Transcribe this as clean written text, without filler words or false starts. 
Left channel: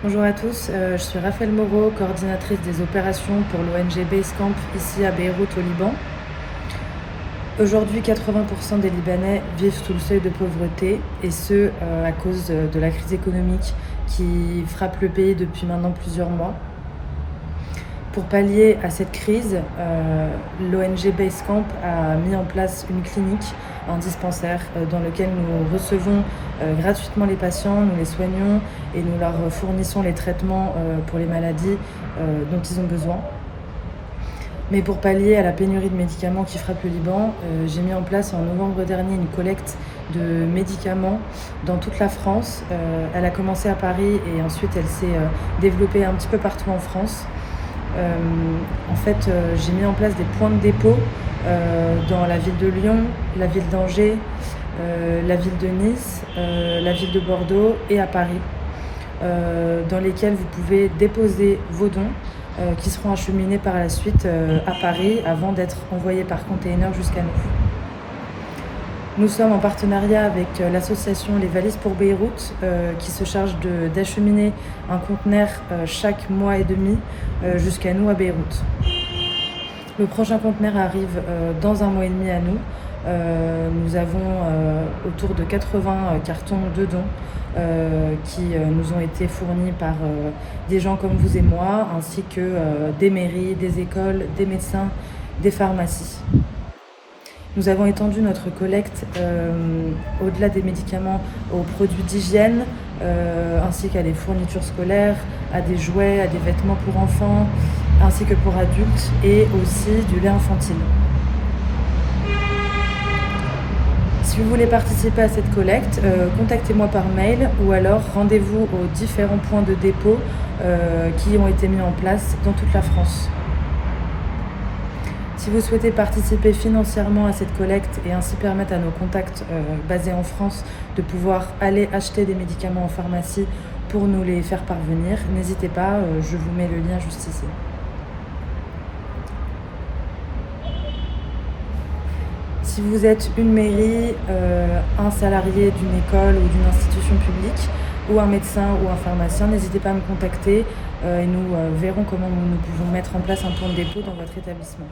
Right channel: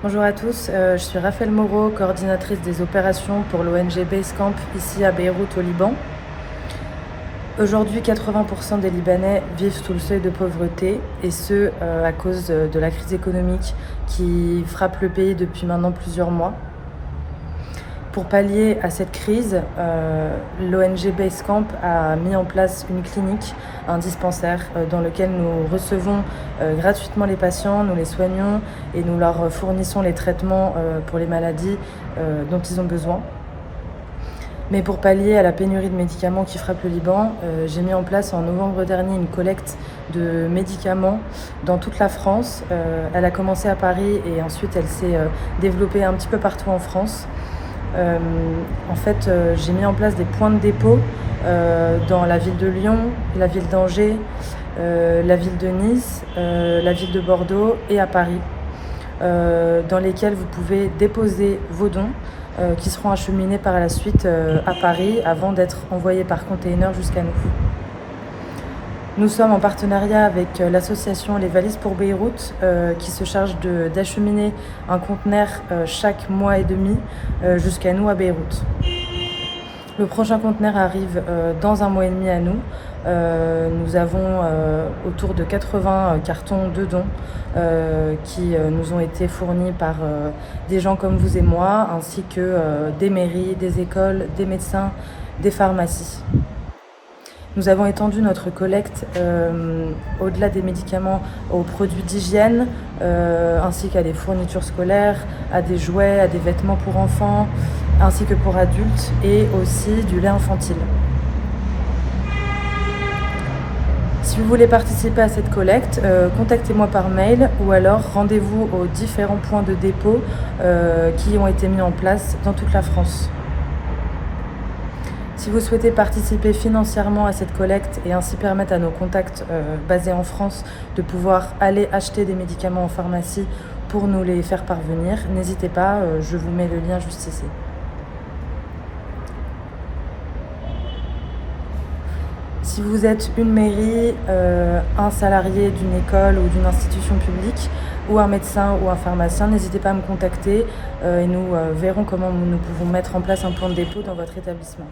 Bonjour à tous, je suis Raphaël Moreau, coordinatrice des opérations pour l'ONG Basecamp ici à Beyrouth au Liban. Aujourd'hui, 80% des Libanais vivent sous le seuil de pauvreté et ce à cause de la crise économique qui frappe le pays depuis maintenant plusieurs mois. Pour pallier à cette crise, l'ONG Basecamp a mis en place une clinique, un dispensaire dans lequel nous recevons gratuitement les patients, nous les soignons et nous leur fournissons les traitements pour les maladies dont ils ont besoin. Mais pour pallier à la pénurie de médicaments qui frappe le Liban, j'ai mis en place en novembre dernier une collecte de médicaments dans toute la France. Elle a commencé à Paris et ensuite elle s'est développée un petit peu partout en France. J'ai mis en place des points de dépôt dans la ville de Lyon, la ville d'Angers, la ville de Nice, la ville de Bordeaux et à Paris, dans lesquels vous pouvez déposer vos dons qui seront acheminés par la suite à Paris avant d'être envoyés par container jusqu'à nous. Nous sommes en partenariat avec l'association Les Valises pour Beyrouth qui se charge d'acheminer un conteneur chaque mois et demi jusqu'à nous à Beyrouth. Le prochain conteneur arrive dans un mois et demi à nous. Nous avons autour de 80 cartons de dons qui nous ont été fournis par des gens comme vous et moi, ainsi que des mairies, des écoles, des médecins, des pharmacies. Nous avons étendu notre collecte au-delà des médicaments aux produits d'hygiène, ainsi qu'à des fournitures scolaires, à des jouets, à des vêtements pour enfants, ainsi que pour adultes, et aussi du lait infantile. Si vous voulez participer à cette collecte, contactez-moi par mail ou alors rendez-vous aux différents points de dépôt qui ont été mis en place dans toute la France. Si vous souhaitez participer financièrement à cette collecte et ainsi permettre à nos contacts basés en France de pouvoir aller acheter des médicaments en pharmacie pour nous les faire parvenir, n'hésitez pas, je vous mets le lien juste ici. Si vous êtes une mairie, un salarié d'une école ou d'une institution publique, ou un médecin ou un pharmacien, n'hésitez pas à me contacter et nous verrons comment nous pouvons mettre en place un point de dépôt dans votre établissement.